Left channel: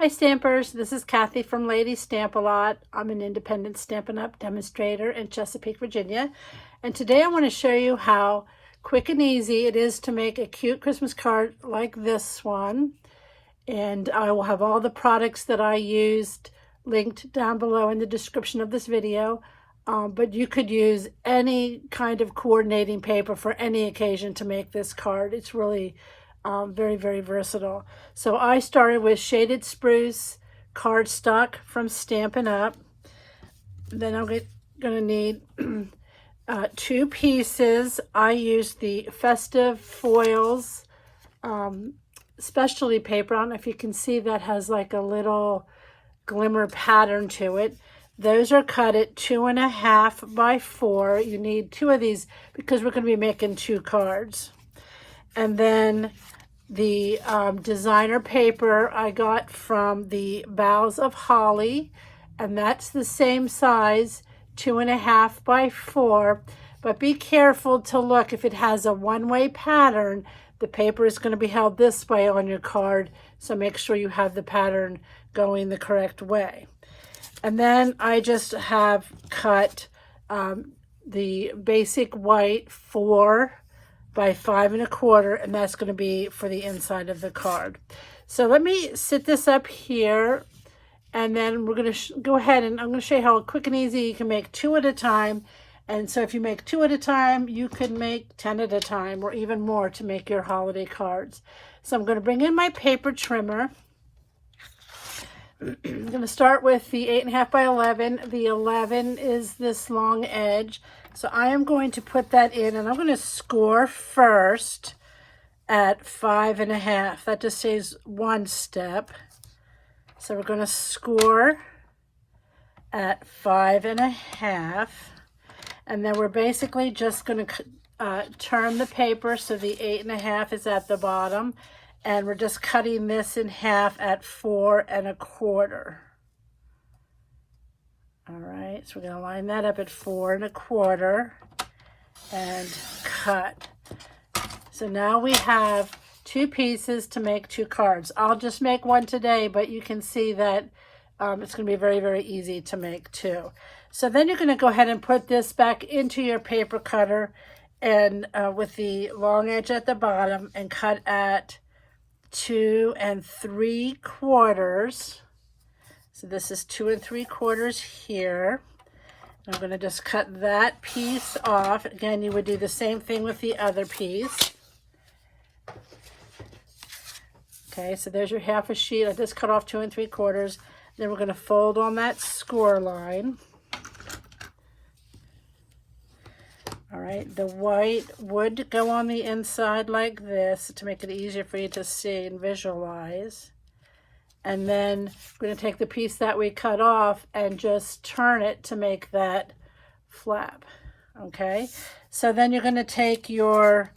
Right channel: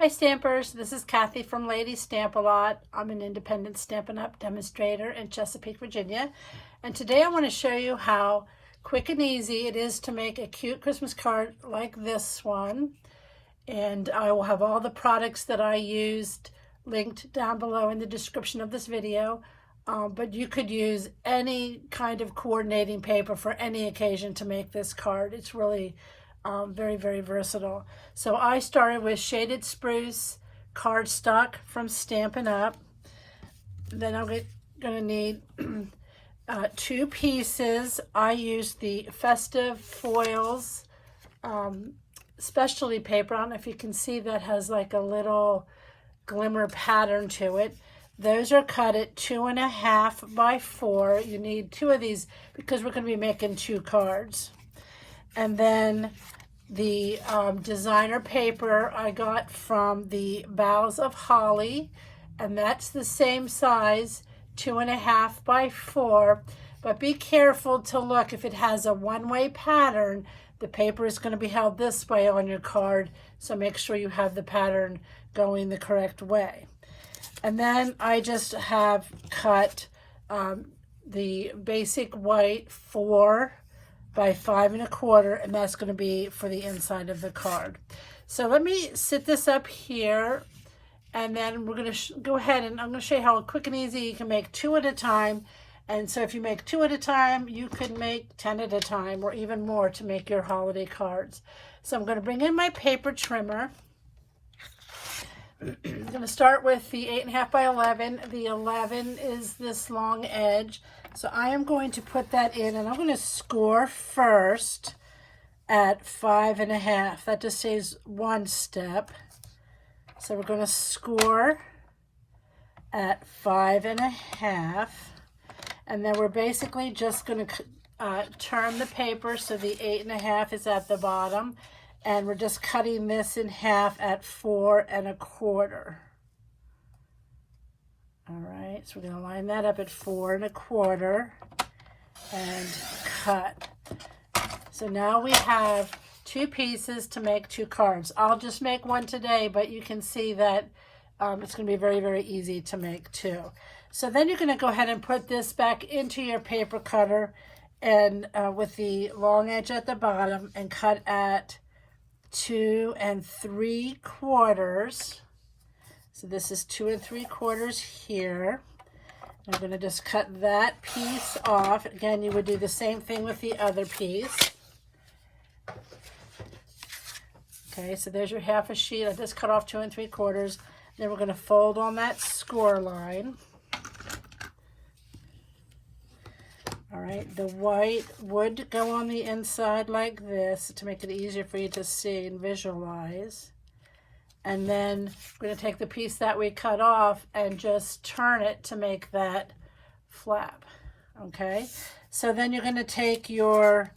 Hi Stampers, this is Kathy from Lady Stamp-A-Lot. I'm an independent Stampin' Up! Demonstrator in Chesapeake, Virginia. And today I want to show you how quick and easy it is to make a cute Christmas card like this one. And I will have all the products that I used linked down below in the description of this video. But you could use any kind of coordinating paper for any occasion to make this card. It's really very, very versatile. So I started with Shaded Spruce cardstock from Stampin' Up. Then I'm going to need 2 pieces. I used the Festive Foils specialty paper. I don't know if you can see that has like a little glimmer pattern to it. Those are cut at 2.5 by 4. You need 2 of these because we're going to be making 2 cards. And then the designer paper I got from the Boughs of Holly, and that's the same size, 2.5 by 4. But be careful to look. If it has a one-way pattern, the paper is going to be held this way on your card, so make sure you have the pattern going the correct way. And then I just have cut the basic white 4 by 5 1/4, and that's going to be for the inside of the card. So let me sit this up here, and then we're going to go ahead and I'm going to show you how quick and easy you can make 2 at a time. And so if you make 2 at a time, you could make 10 at a time or even more to make your holiday cards. So I'm going to bring in my paper trimmer. I'm going to start with the 8.5 by 11. The 11 is this long edge. So I am going to put that in, and I'm going to score first at 5.5. That just saves 1 step. So we're going to score at 5.5. And then we're basically just going to turn the paper so the 8.5 is at the bottom. And we're just cutting this in half at 4 1/4. All right, so we're going to line that up at 4 1/4 and cut. So now we have 2 pieces to make 2 cards. I'll just make 1 today, but you can see that it's going to be very, very easy to make 2. So then you're going to go ahead and put this back into your paper cutter and with the long edge at the bottom and cut at 2 3/4. So this is 2 3/4 here. I'm going to just cut that piece off. Again, you would do the same thing with the other piece. Okay, so there's your half a sheet. I just cut off 2 3/4. Then we're going to fold on that score line. All right, the white would go on the inside like this to make it easier for you to see and visualize. And then we're going to take the piece that we cut off and just turn it to make that flap. Okay, so then you're going to take your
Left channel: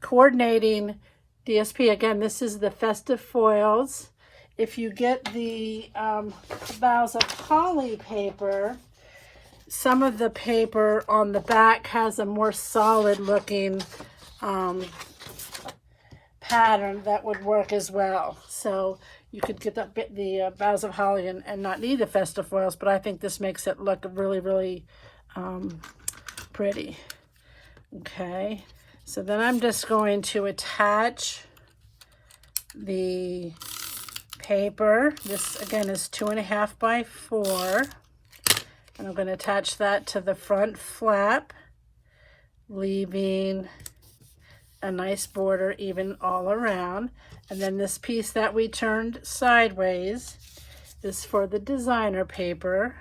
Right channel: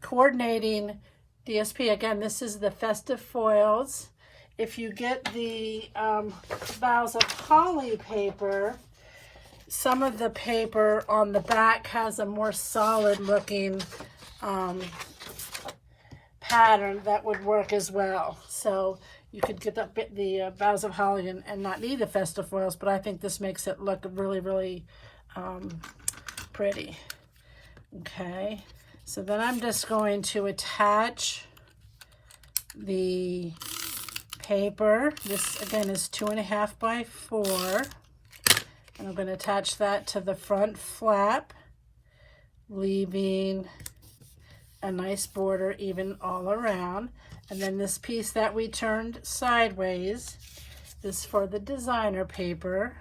coordinating DSP. Again, this is the Festive Foils. If you get the Boughs of Holly paper, some of the paper on the back has a more solid looking pattern that would work as well. So you could get the Boughs of Holly and not need the Festive Foils, but I think this makes it look really, really pretty. Okay, so then I'm just going to attach the paper. This again is 2.5 by 4. And I'm going to attach that to the front flap, leaving a nice border even all around. And then this piece that we turned sideways is for the designer paper.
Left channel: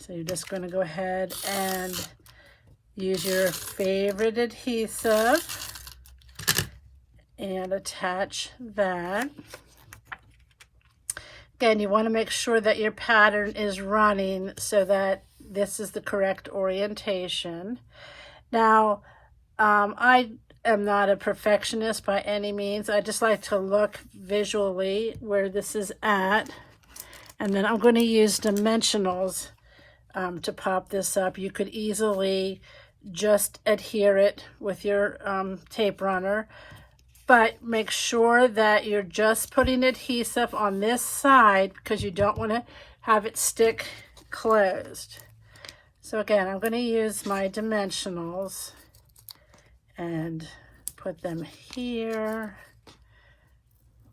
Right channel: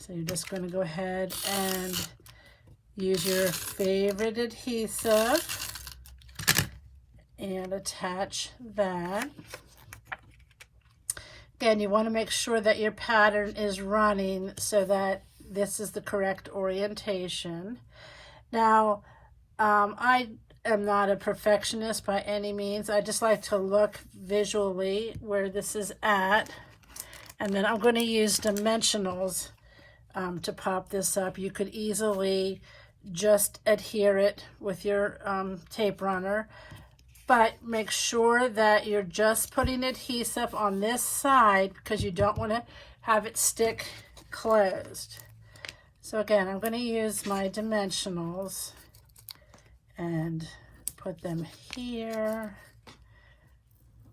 So you're just going to go ahead and use your favorite adhesive and attach that. Again, you want to make sure that your pattern is running so that this is the correct orientation. Now, I am not a perfectionist by any means. I just like to look visually where this is at. And then I'm going to use dimensionals to pop this up. You could easily just adhere it with your tape runner. but make sure that you're just putting adhesive on this side because you don't want to have it stick closed. So again, I'm going to use my dimensionals and put them here,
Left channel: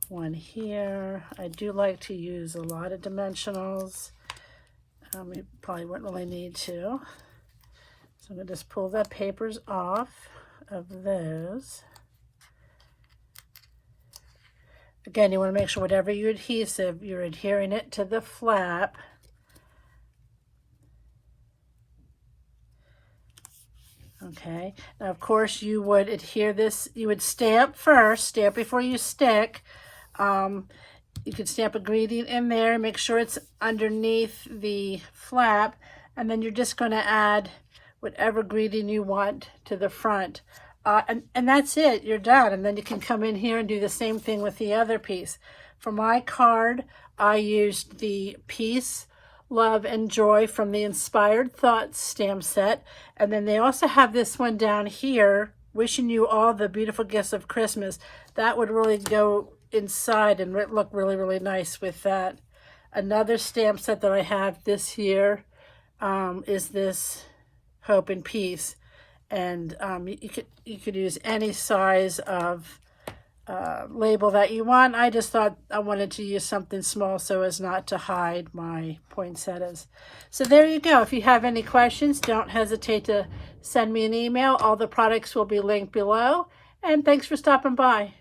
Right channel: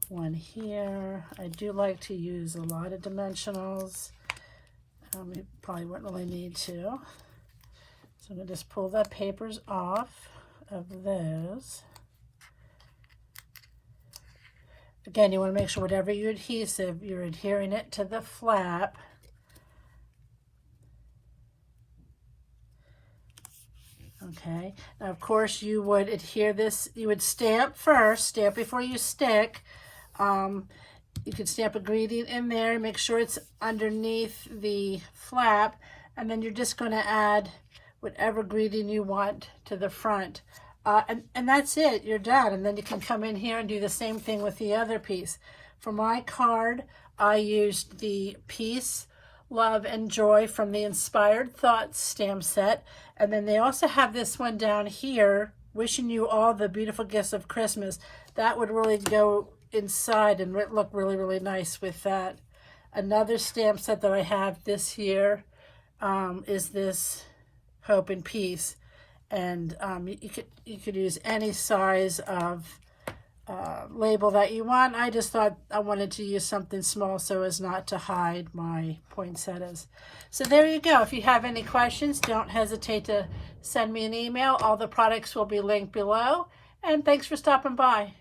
one here. I do like to use a lot of dimensionals. You probably wouldn't really need to. So I'm going to just pull the papers off of those. Again, you want to make sure whatever your adhesive, you're adhering it to the flap. Okay, now of course you would adhere this, you would stamp first, stamp before you stick. You could stamp a greeting in there, make sure it's underneath the flap, and then you're just going to add whatever greeting you want to the front. And that's it, you're done. And then you can come in here and do the same thing with the other piece. For my card, I used the Peace, Love, and Joy from the Inspired Thoughts stamp set. And then they also have this one down here, Wishing You All the Beautiful Gifts of Christmas. That would really go inside and look really, really nice with that. Another stamp set that I have this year is this Hope and Peace. And you could use any size of label that you want. I just thought I wanted to use something small so as not to hide my poinsettias. So there you go. If you have any questions, don't hesitate to send me an email. All the products will be linked below. And thanks for stopping by.